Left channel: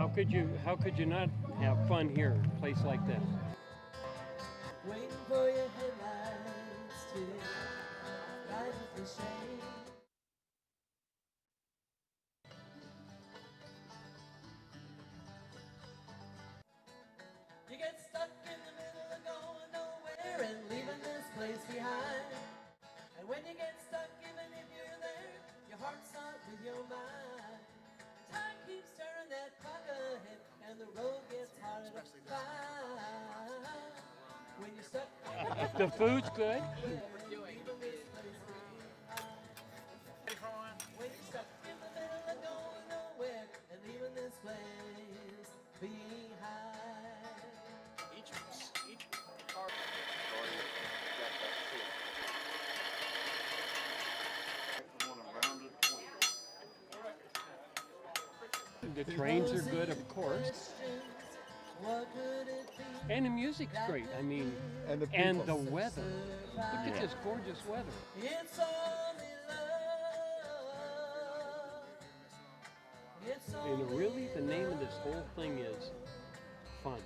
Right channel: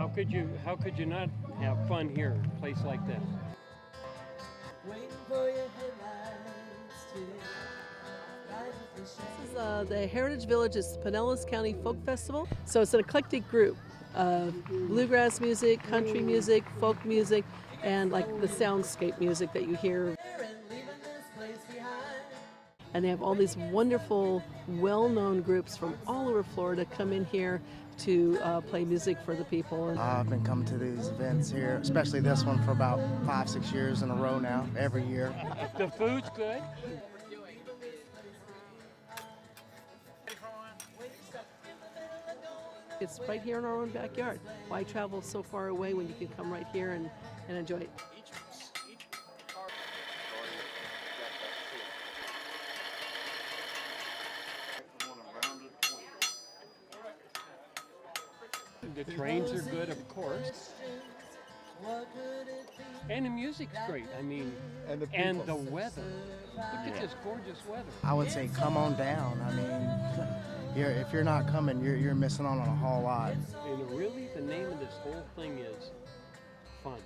How could you not have fun here, a place like this? Waiting for your headlights to the Heritage Village is Pinellas County Folk Festival. So it's an eclectic group of bluegrass music, country music, folk music, and like the soundscape music that you hear. And they have all these wonderful, well-known groups from all over Florida come in here to play music for the people. I've been coming to these events here, especially this one, for about 5-6 years in a row now, every year. The food's good. It's right here in our own backyard. Why travel so far away when you can come right here and enjoy it? The trains are good, of course. And the music's great. I mean, and the weather. Look at this gorgeous weather. I would say come on down. I mean, if you're not coming, you're missing out on a whole lot. And really, the name of this whole thing is fun.